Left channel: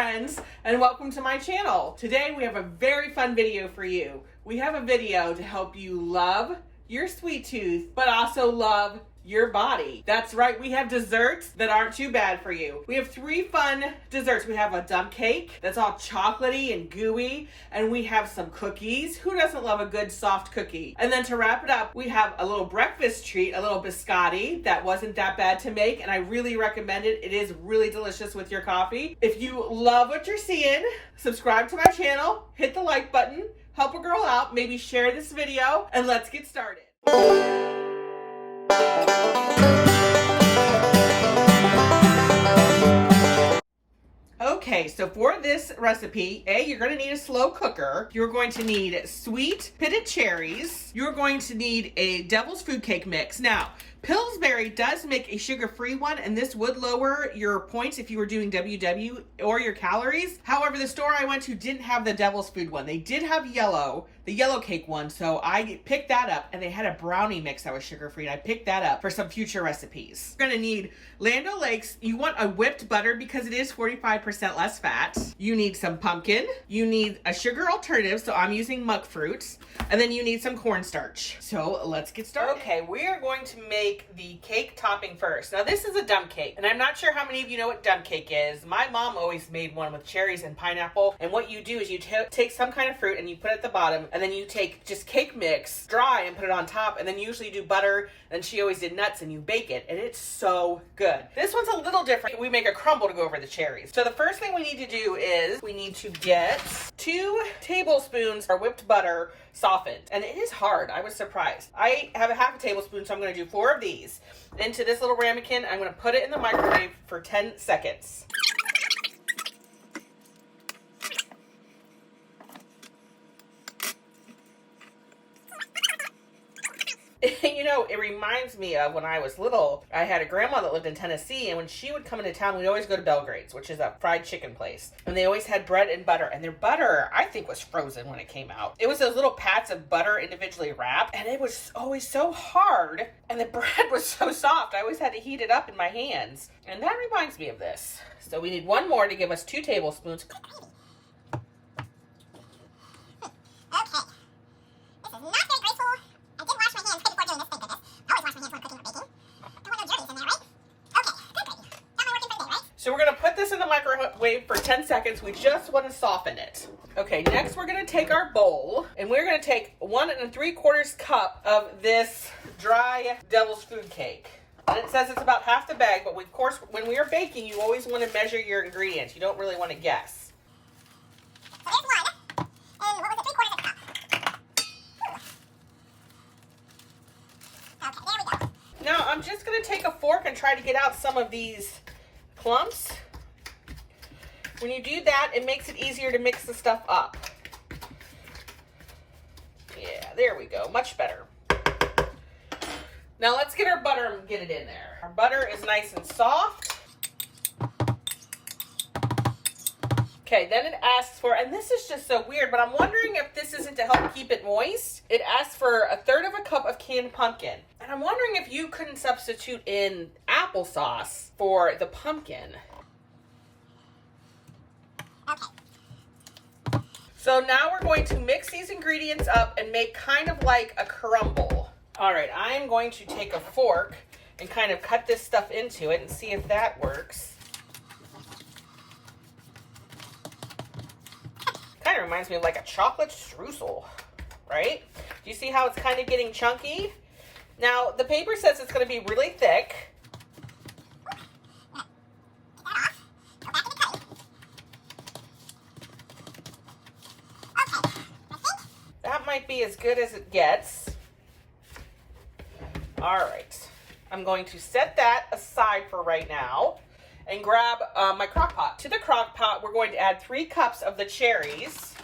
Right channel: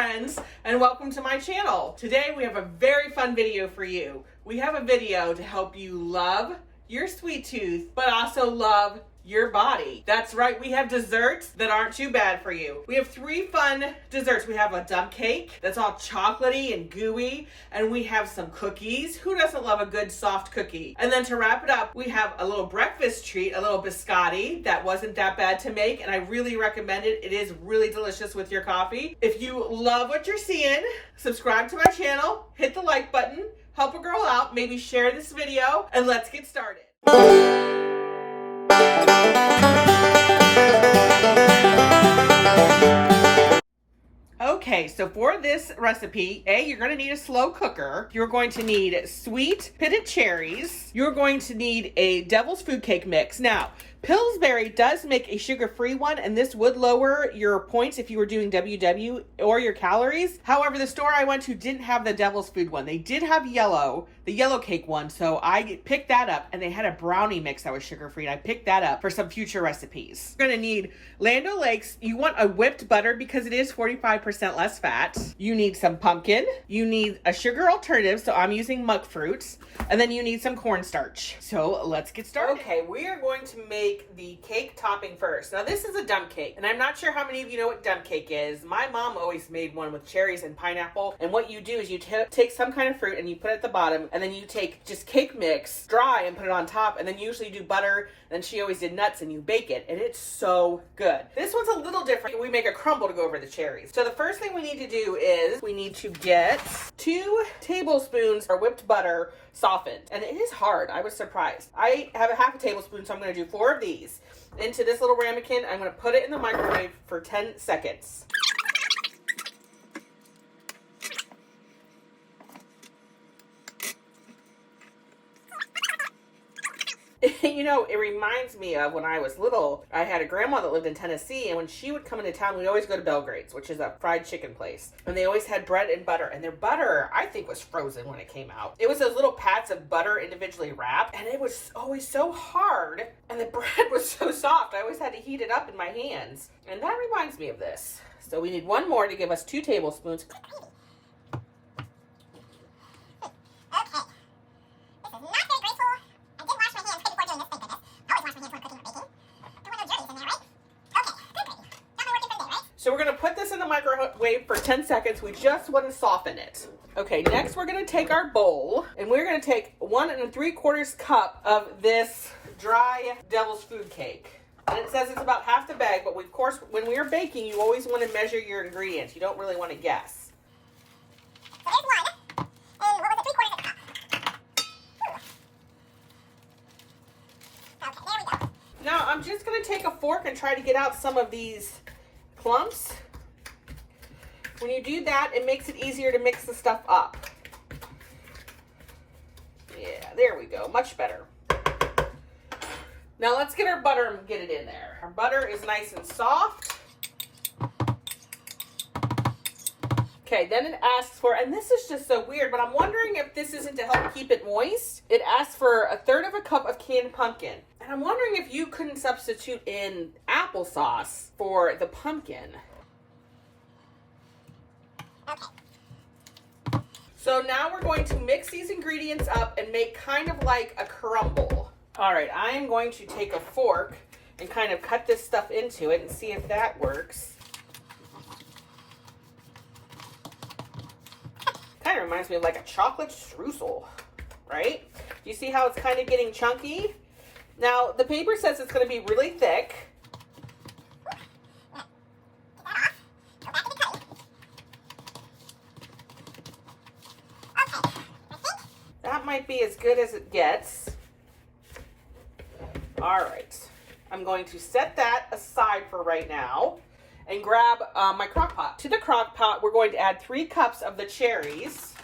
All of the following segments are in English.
friends, and welcome to my channel. Today we have a very fun video for you. We have a video to help you love your sweet tooth, but also love your body. That's right, we have desserts that aren't too bad for you. We have 3 fun desserts. We have a dump cake that's all chocolatey and gooey, and we have some cookies. Who doesn't love a good soft cookie? And then to wrap it up, we have a little breakfast treat, a little biscotti that wasn't that bad to make, and I really recommend it. It is really delicious with your coffee. If you love what you're seeing, subscribe to my channel, hit the like button, help a girl out, maybe share this video, and let's get started. Okay, so for this recipe, you're going to need a slow cooker. You're going to need sweet pitted cherries. You're going to need a devil's food cake mix. Now, Pillsbury does make a sugar-free one, and this would lower your points if you were doing WW or your calories. However, the store I went to didn't have the devil's food one. They did have the yellow cake one, so I picked that up, and they had a brownie mix that was sugar-free, and I picked that up for some future recipes. You're gonna need Land O'Lakes. You want a whipped butter because it is 45% less fat. You need some pumpkin. You need a sugar alternative, so I'm using monk fruit, and then you need some cornstarch. So let's get started. Okay, we are going to make the cake topping first. Now this is a dump cake, and I'm not sure how many of you know what dump cake is. My mom always made one with cherries and pineapple, and what you do is you take some kind of fruit and you put it at the bottom, and then you take just cake mix, dry, and put it on top, and then you usually do butter, and then she always did nuts, and you bake it, and it's so good. This one's a little different. We make a crumble to go over the cherries. So the first thing we need to do is we need to get 2 tablespoons of whipped butter softened, and it is hard. I was surprised. I have a half a tablespoon, so I'm going to do 4 of these into this little ramekin. I'm going to put it in the microwave for 10 seconds. You know, it reminds me of when I was little. I had a grandma that lived in Tennessee, and when she would come into town, we'd always go to Belgrade's, which is a fried chicken place. And they always had bread and butter, and their butter, I think, was frozen when it came out. It was those little pats of butter individually wrapped, and it was always so hard, and the bread was so soft. I always had to heat it up in my hands. And that reminds me of this. So we need 1 more to give us 2 tablespoons. So we're going to put this in the microwave for 10 seconds. We just want to soften it. Okay, next we're going to take our bowl, and we're going to take 1 3/4 cup of this dry devil's food cake. And it says it's about half the bag, but of course, when we are baking, you always want to measure your ingredients. You don't really want to guess. So there's 1, and what was it, 3/4 cup? Okay, there we go. Now, I'm just going to take a fork and try to get out some of these clumps. When you do that, it makes it easier to mix the stuff up. Yeah, there we go. Much better. Now let's get our butter and get it in there. Our butter is nice and soft. Okay, then it asks for, and this is just so weird, but I'm wondering if this isn't to help keep it moist. It asks for 1/3 cup of canned pumpkin. And I'm wondering if you couldn't substitute in applesauce for the pumpkin. Okay. So now we're going to mix these ingredients up and make kind of like a crumble. All right, I am going to take a fork and kind of cut this stuff into it and see if that works. Kind of reminds me of like a chocolate streusel, right? Do you see how it's kind of getting chunky? Now, the paper says it's going to be really thick. That might be as good as it gets. All right. I'm going to set that aside for right now and grab my crock pot. To the crock pot, we're going to add 3 cups of the cherries.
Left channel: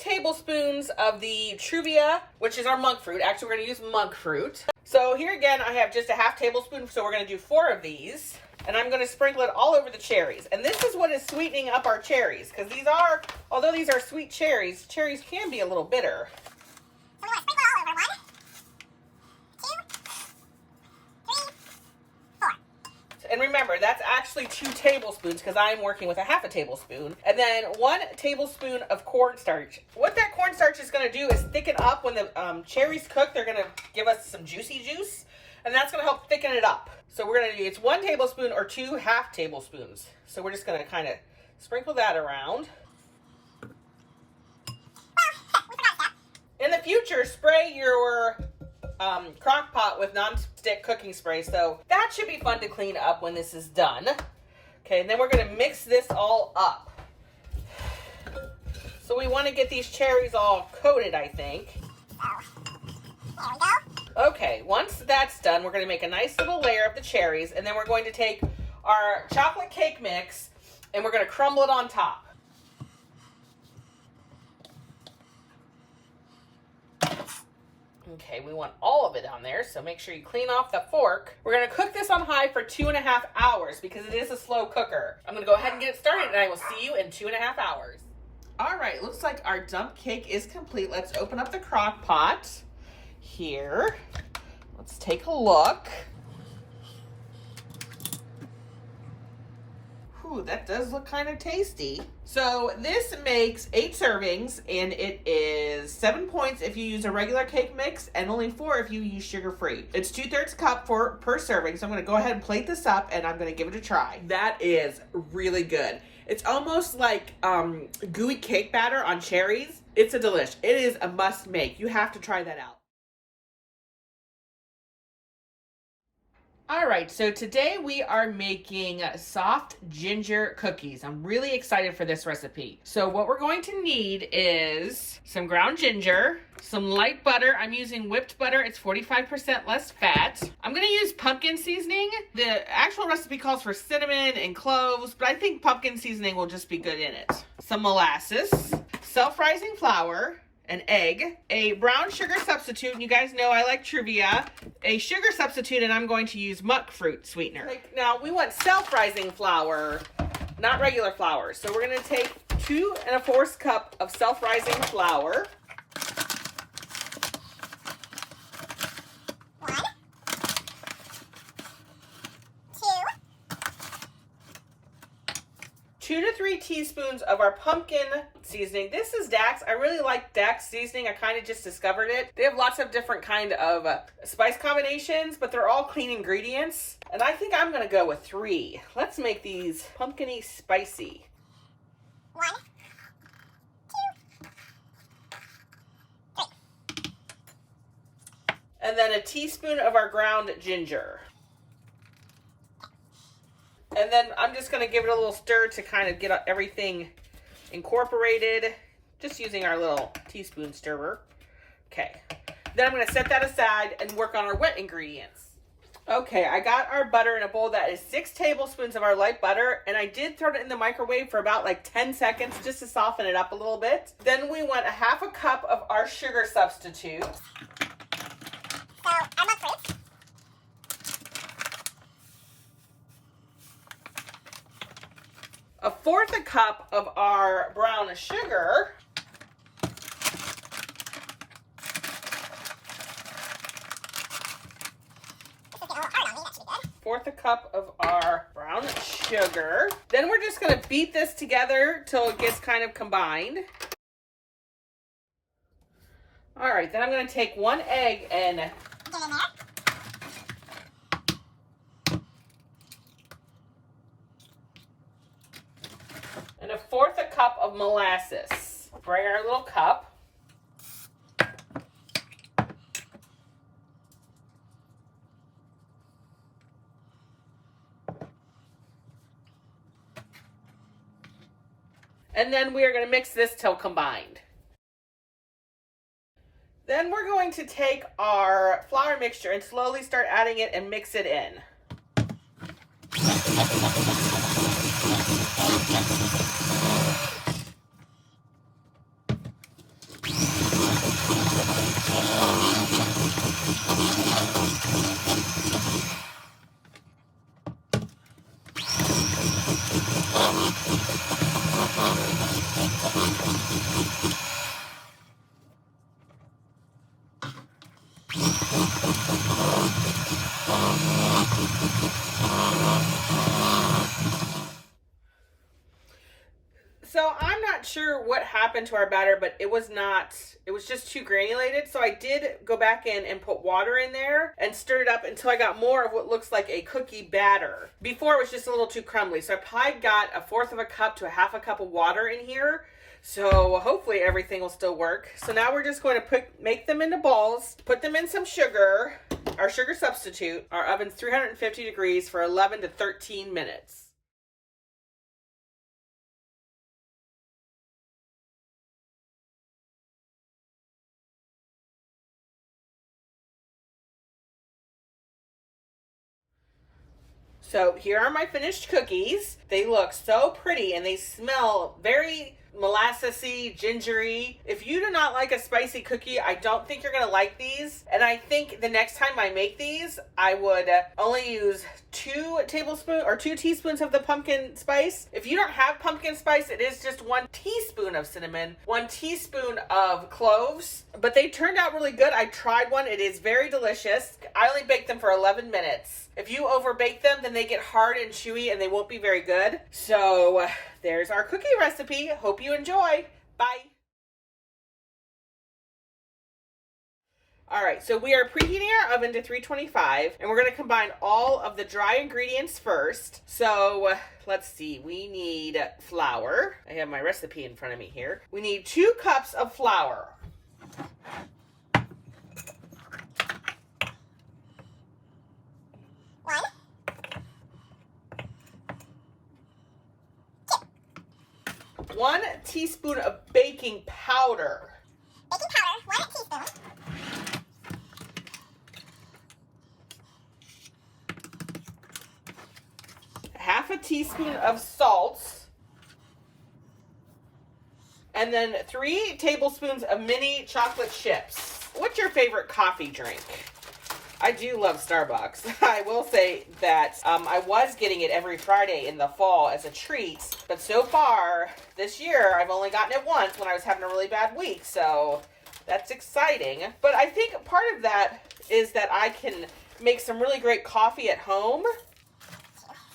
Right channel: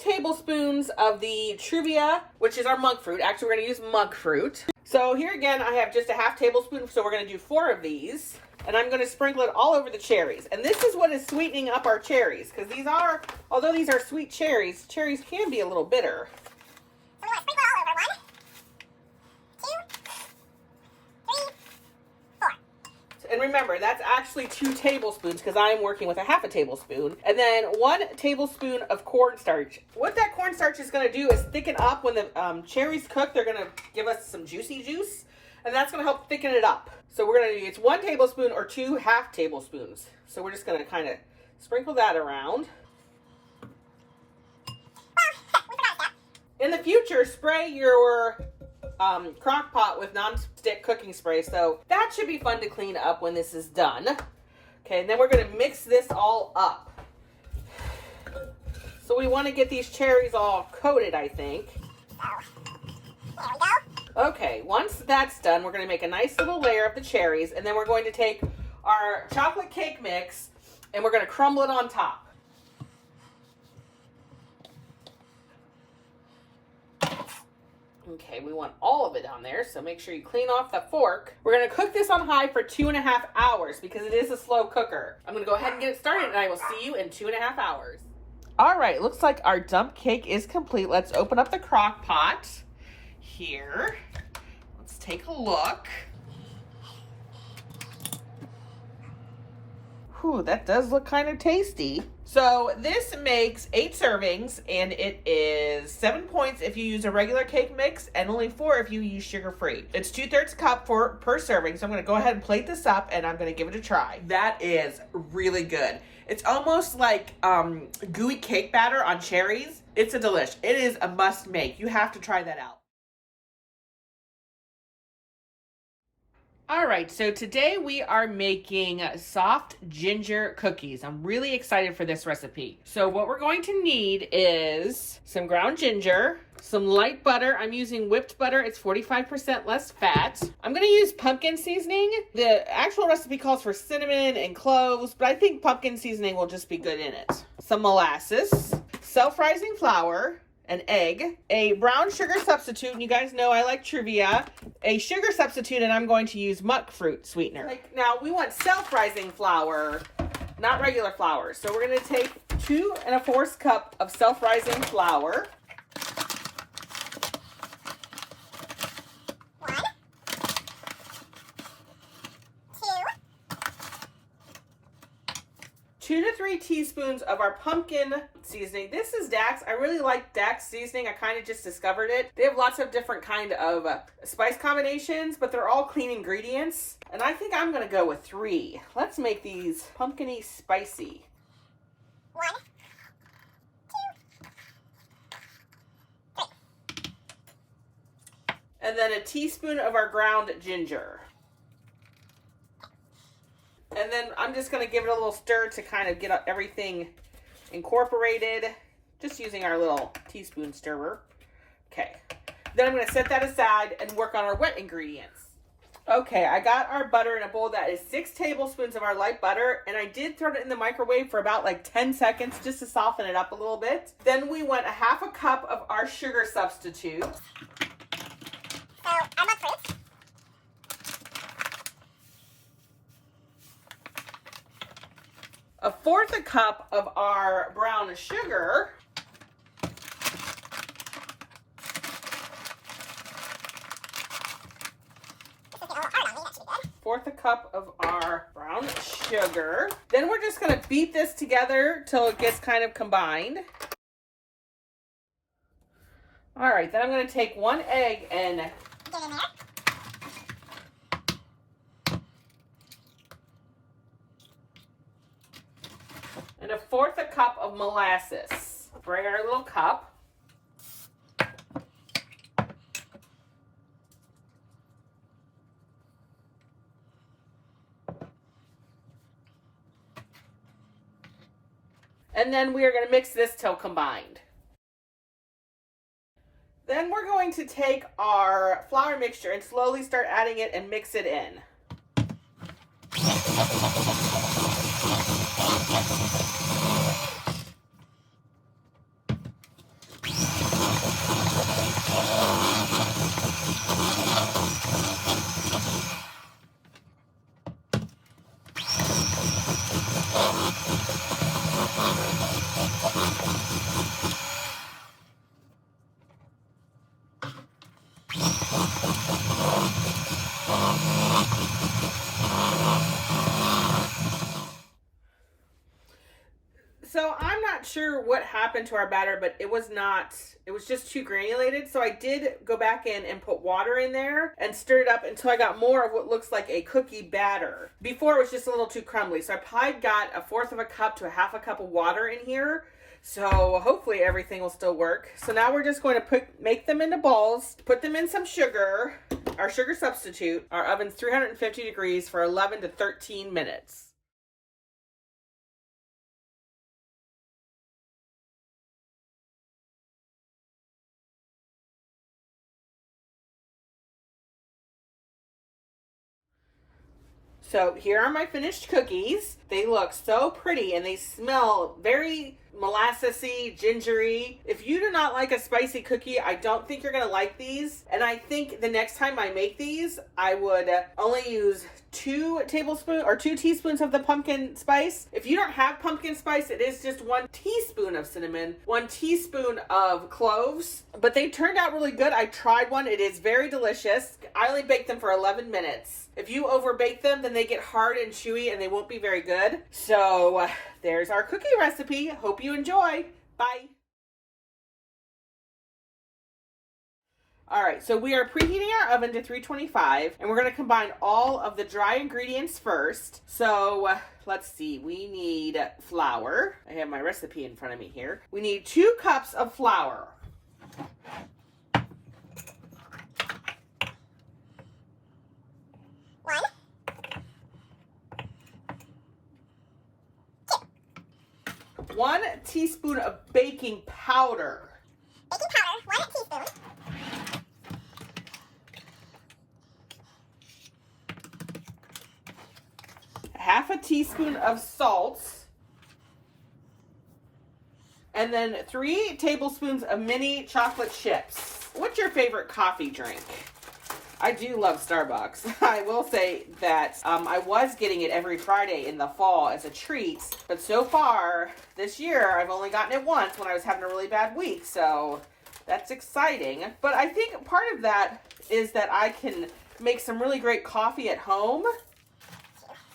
Tablespoons of the Truvia, which is our monk fruit. Actually, we're going to use monk fruit. So here again, I have just a half tablespoon, so we're gonna do 4 of these. And I'm gonna sprinkle it all over the cherries. And this is what is sweetening up our cherries, because these are, although these are sweet cherries, cherries can be a little bitter. So we want to sprinkle it all over. 1, 2, 3, 4. And remember, that's actually 2 tablespoons because I'm working with a half a tablespoon. And then 1 tablespoon of cornstarch. What that cornstarch is going to do is thicken up when the cherries cook. They're going to give us some juicy juice, and that's going to help thicken it up. So we're going to do, it's 1 tablespoon or 2 half tablespoons. So we're just going to kind of sprinkle that around. In the future, spray your crock pot with non-stick cooking spray, so that should be fun to clean up when this is done. Okay, and then we're going to mix this all up. So we want to get these cherries all coated, I think. There we go. Okay, once that's done, we're going to make a nice little layer of the cherries, and then we're going to take our chocolate cake mix and we're going to crumble it on top. Okay, we want all of it on there, so make sure you clean off the fork. We're going to cook this on high for 2.5 hours because it is a slow cooker. I'm going to go ahead and get it started, and I will see you in 2.5 hours. All right, looks like our dump cake is complete. Let's open up the crock pot here. Let's take a look. Whew, that does look kind of tasty. So this makes 8 servings, and it is 7 points if you use a regular cake mix and only 4 if you use sugar-free. It's 2/3 cup per serving, so I'm going to go ahead and plate this up, and I'm going to give it a try. That is really good. It's almost like gooey cake batter on cherries. It's a delish. It is a must make. You have to try that out. All right, so today we are making soft ginger cookies. I'm really excited for this recipe. So what we're going to need is some ground ginger, some light butter. I'm using whipped butter. It's 45% less fat. I'm going to use pumpkin seasoning. The actual recipe calls for cinnamon and cloves, but I think pumpkin seasoning will just be good in it. Some molasses, self-rising flour, an egg, a brown sugar substitute, and you guys know I like trivia, a sugar substitute, and I'm going to use monk fruit sweetener. Now, we want self-rising flour, not regular flour. So we're going to take 2 1/4 cup of self-rising flour. 1, 2, 2 to 3 teaspoons of our pumpkin seasoning. This is Dax. I really like Dax seasoning. I kind of just discovered it. They have lots of different kind of spice combinations, but they're all clean ingredients. And I think I'm going to go with 3. Let's make these pumpkin-y spicy. 1, 2, 3. And then a teaspoon of our ground ginger. And then I'm just going to give it a little stir to kind of get everything incorporated, just using our little teaspoon stirrer. Okay, then I'm going to set that aside and work on our wet ingredients. Okay, I got our butter in a bowl. That is 6 tablespoons of our light butter, and I did throw it in the microwave for about like 10 seconds just to soften it up a little bit. Then we want a 1/2 cup of our sugar substitute. So our monk fruit. A 1/4 cup of our brown sugar. This is getting a little hard on me. That should be good. 1/4 cup of our brown sugar. Then we're just going to beat this together till it gets kind of combined. All right, then I'm going to take 1 egg and Get in there. and a 1/4 cup of molasses. Spray our little cup. And then we are going to mix this till combined. Then we're going to take our flour mixture and slowly start adding it and mix it in. So I'm not sure what happened to our batter, but it was just too granulated. So I did go back in and put water in there and stir it up until I got more of what looks like a cookie batter. Before it was just a little too crumbly. So I probably got 1/4 of a cup to 1/2 cup of water in here. So hopefully everything will still work. So now we're just going to make them into balls, put them in some sugar, our sugar substitute. Our oven's 350 degrees for 11 to 13 minutes. So here are my finished cookies. They look so pretty and they smell very molassesy, gingery. If you do not like a spicy cookie, I don't think you're gonna like these. And I think the next time I make these, I would only use 2 teaspoons of the pumpkin spice. If you don't have pumpkin spice, it is just 1 teaspoon of cinnamon, 1 teaspoon of cloves. But they turned out really good. I tried one. It is very delicious. I only baked them for 11 minutes. If you overbake them, then they get hard and chewy and they won't be very good. So there's our cookie recipe. Hope you enjoy. Bye. All right, so we are preheating our oven to 325 and we're going to combine all of the dry ingredients first. So let's see, we need flour. I have my recipe in front of me here. We need 2 cups of flour. One teaspoon of baking powder. Baking powder, 1 teaspoon. 1/2 teaspoon of salt. And then 3 tablespoons of mini chocolate chips. What's your favorite coffee drink? I do love Starbucks. I will say that I was getting it every Friday in the fall as a treat, but so far this year I've only gotten it once when I was having a really bad week, so that's exciting. But I think part of that is that I can make some really great coffee at home.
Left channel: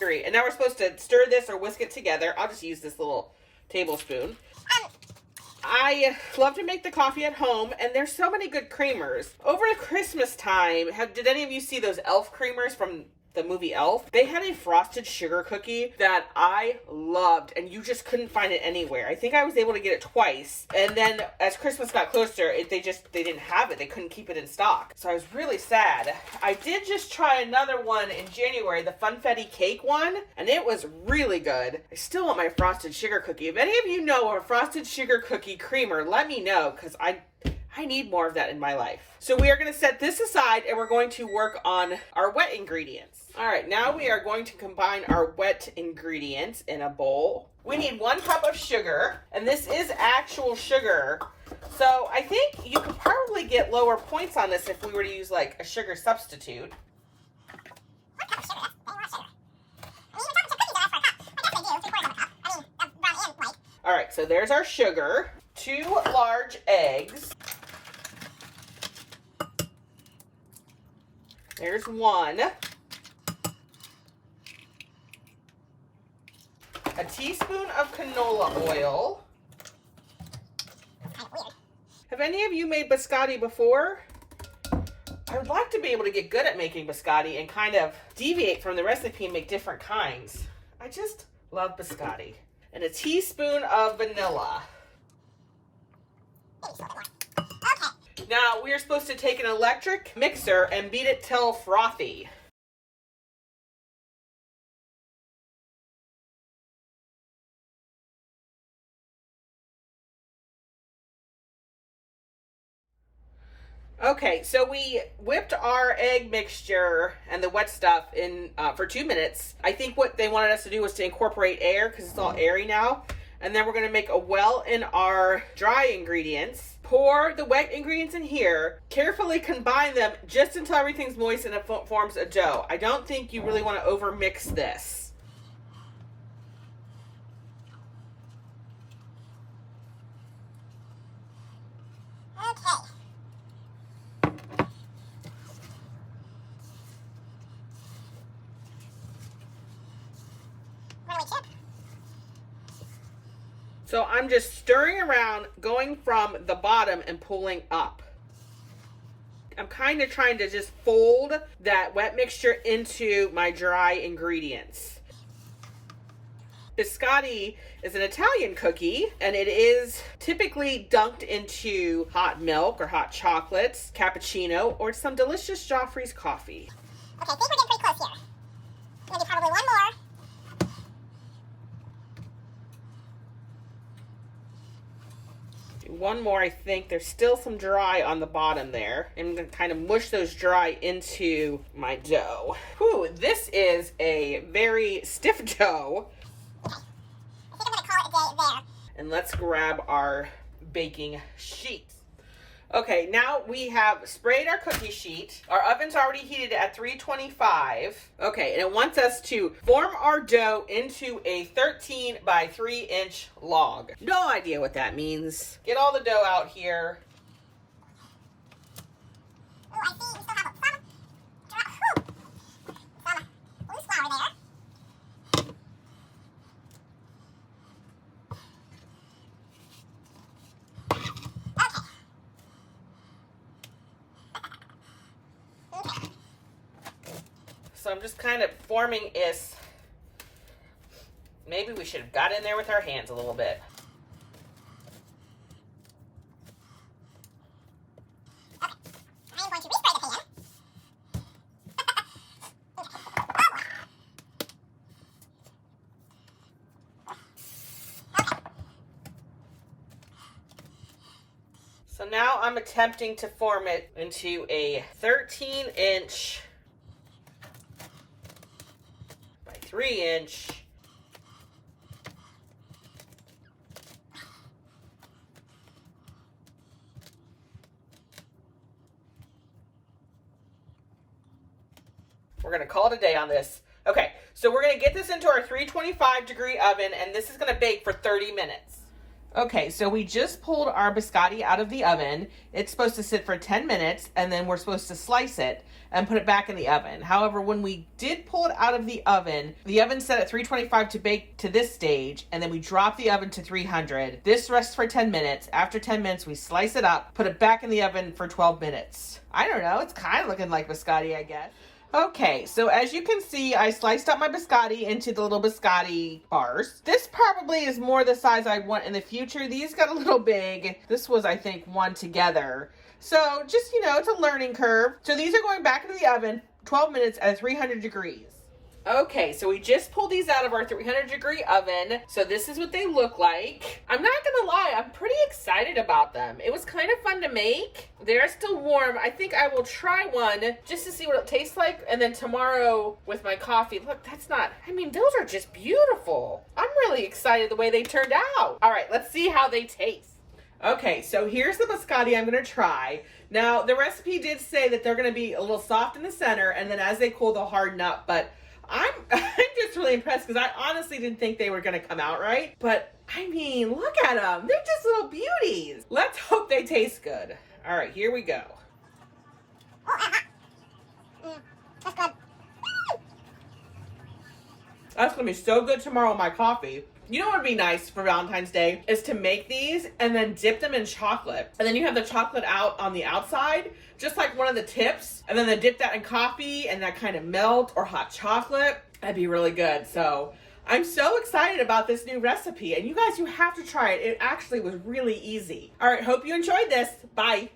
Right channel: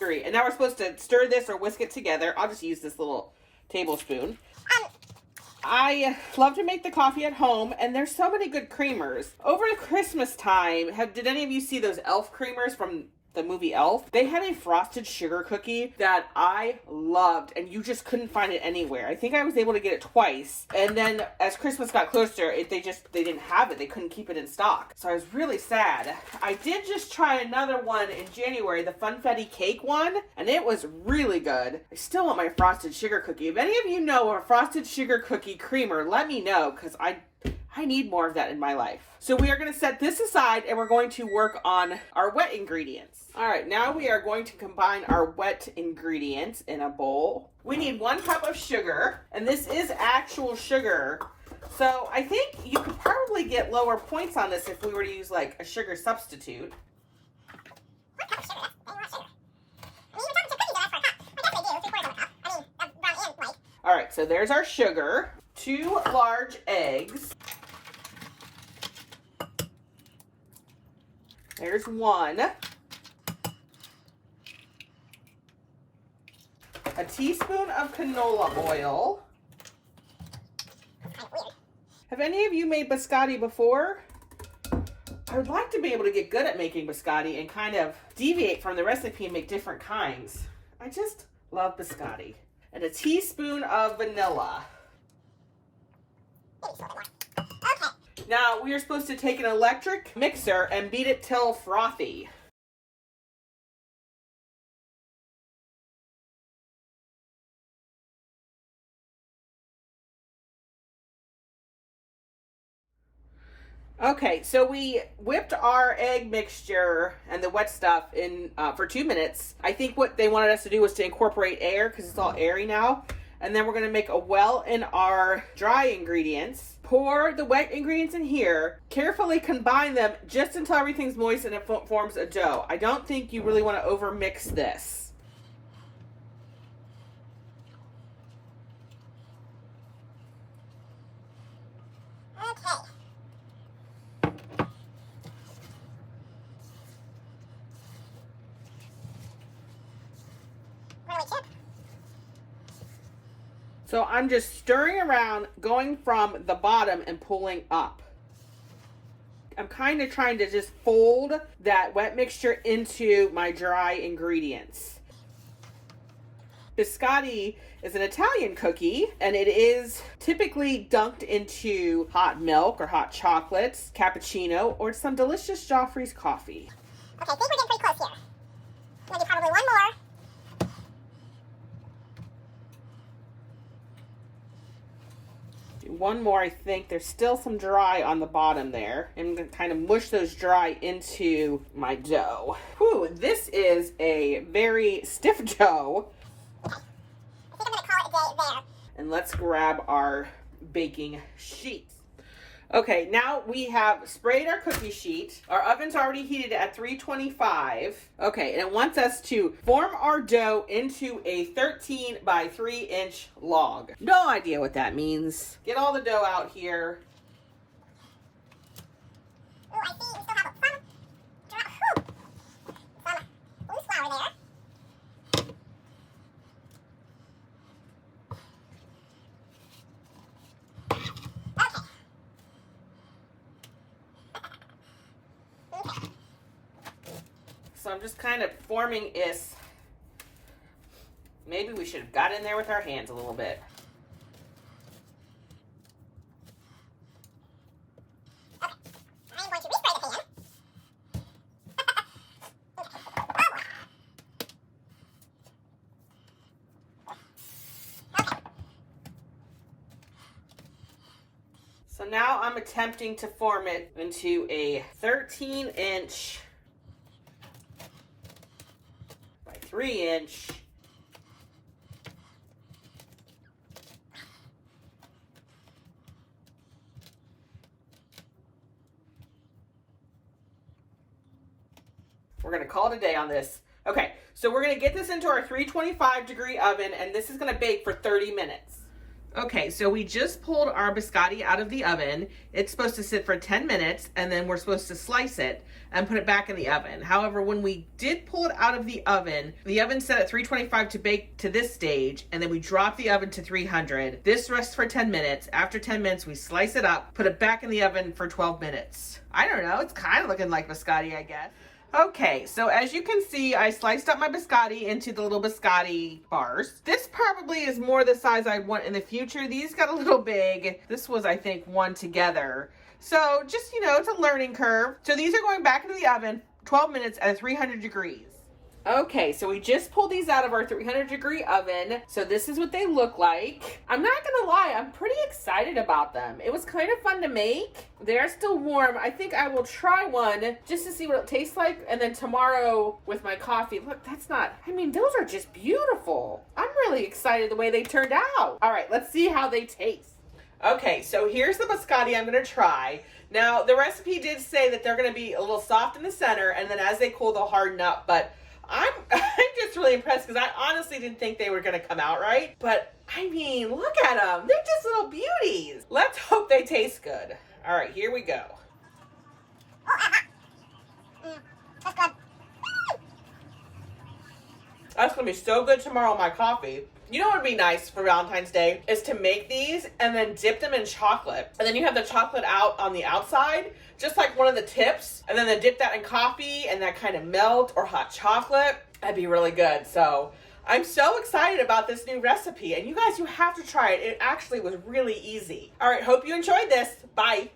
And now we're supposed to stir this or whisk it together. I'll just use this little tablespoon. I love to make the coffee at home, and there's so many good creamers. Over the Christmas time, did any of you see those Elf creamers from the movie Elf? They had a frosted sugar cookie that I loved, and you just couldn't find it anywhere. I think I was able to get it twice, and then as Christmas got closer, they didn't have it. They couldn't keep it in stock, so I was really sad. I did just try another one in January, the Funfetti cake one, and it was really good. I still want my frosted sugar cookie. If any of you know a frosted sugar cookie creamer, let me know, because I need more of that in my life. So we are going to set this aside and we're going to work on our wet ingredients. All right, now we are going to combine our wet ingredients in a bowl. We need 1 cup of sugar, and this is actual sugar. So I think you could probably get lower points on this if we were to use like a sugar substitute. 1 cup of sugar, that's a lot of sugar. I mean, you're talking to cookies that ask for a cup. I guess they do, 3/4 of a cup. I mean, brown and white. All right, so there's our sugar. 2 large eggs. There's 1. A teaspoon of canola oil. Have any of you made biscotti before? I would like to be able to get good at making biscotti and kind of deviate from the recipe and make different kinds. I just love biscotti. And a teaspoon of vanilla. Now, we are supposed to take an electric mixer and beat it till frothy. Okay, so we whipped our egg mixture and the wet stuff in for 2 minutes. I think what they wanted us to do was to incorporate air because it's all airy now. And then we're going to make a well in our dry ingredients. pour the wet ingredients in here, carefully combine them just until everything's moist and it forms a dough. I don't think you really want to over mix this. Okay. Where do we tip? So I'm just stirring around, going from the bottom and pulling up. I'm kind of trying to just fold that wet mixture into my dry ingredients. Biscotti is an Italian cookie, and it is typically dunked into hot milk or hot chocolates, cappuccino, or some delicious Joffrey's coffee. Okay, I think we're getting pretty close here. I'm gonna do probably one more. One more, I think. There's still some dry on the bottom there. I'm going to kind of mush those dry into my dough. Whew, this is a very stiff dough. Okay. I think I'm gonna call it a day there. And let's grab our baking sheets. Okay, now we have sprayed our cookie sheet. Our oven's already heated at 325. Okay, and it wants us to form our dough into a 13 by 3 inch log. No idea what that means. Get all the dough out here. Oh, I see. We still have some loose flour there. So I'm just kind of forming this. Maybe we should have got in there with our hands a little bit. Okay. I am going to respray the pan. Okay. So now I'm attempting to form it into a 13-inch by 3-inch We're going to call it a day on this. Okay, so we're going to get this into our 325-degree oven, and this is going to bake for 30 minutes. Okay, so we just pulled our biscotti out of the oven. It's supposed to sit for 10 minutes, and then we're supposed to slice it and put it back in the oven. However, when we did pull it out of the oven set at 325 to bake to this stage, and then we dropped the oven to 300. This rests for 10 minutes. After 10 minutes, we slice it up, put it back in the oven for 12 minutes. I don't know, it's kind of looking like biscotti, I guess. Okay, so as you can see, I sliced up my biscotti into the little biscotti bars. This probably is more the size I want in the future. These got a little big. This was, I think, one together. So just, you know, it's a learning curve. So these are going back into the oven, 12 minutes at 300 degrees. Okay, so we just pulled these out of our 300-degree oven. So this is what they look like. I'm not gonna lie, I'm pretty excited about them. It was kind of fun to make. They are still warm. I think I will try one just to see what it tastes like. And then tomorrow with my coffee, look, I mean, those are just beautiful. I'm really excited the way they turned out. All right, let's see how they taste. Okay, so here's the biscotti I'm gonna try. Now, the recipe did say that they're gonna be a little soft in the center, and then as they cool, they'll harden up, but I'm just really impressed because I honestly didn't think they were going to come out right. But, I mean, look at them. They're just little beauties. Let's hope they taste good. All right, here we go. That's good. That's going to be so good tomorrow in my coffee. You know what would be nice for Valentine's Day is to make these and then dip them in chocolate. And then you have the chocolate out on the outside, just like one of the tips. And then they dip that in coffee and that kind of melt or hot chocolate. That'd be really good. So I'm so excited about this new recipe. And you guys, you have to try it. It actually was really easy. All right, hope you enjoyed this. Bye.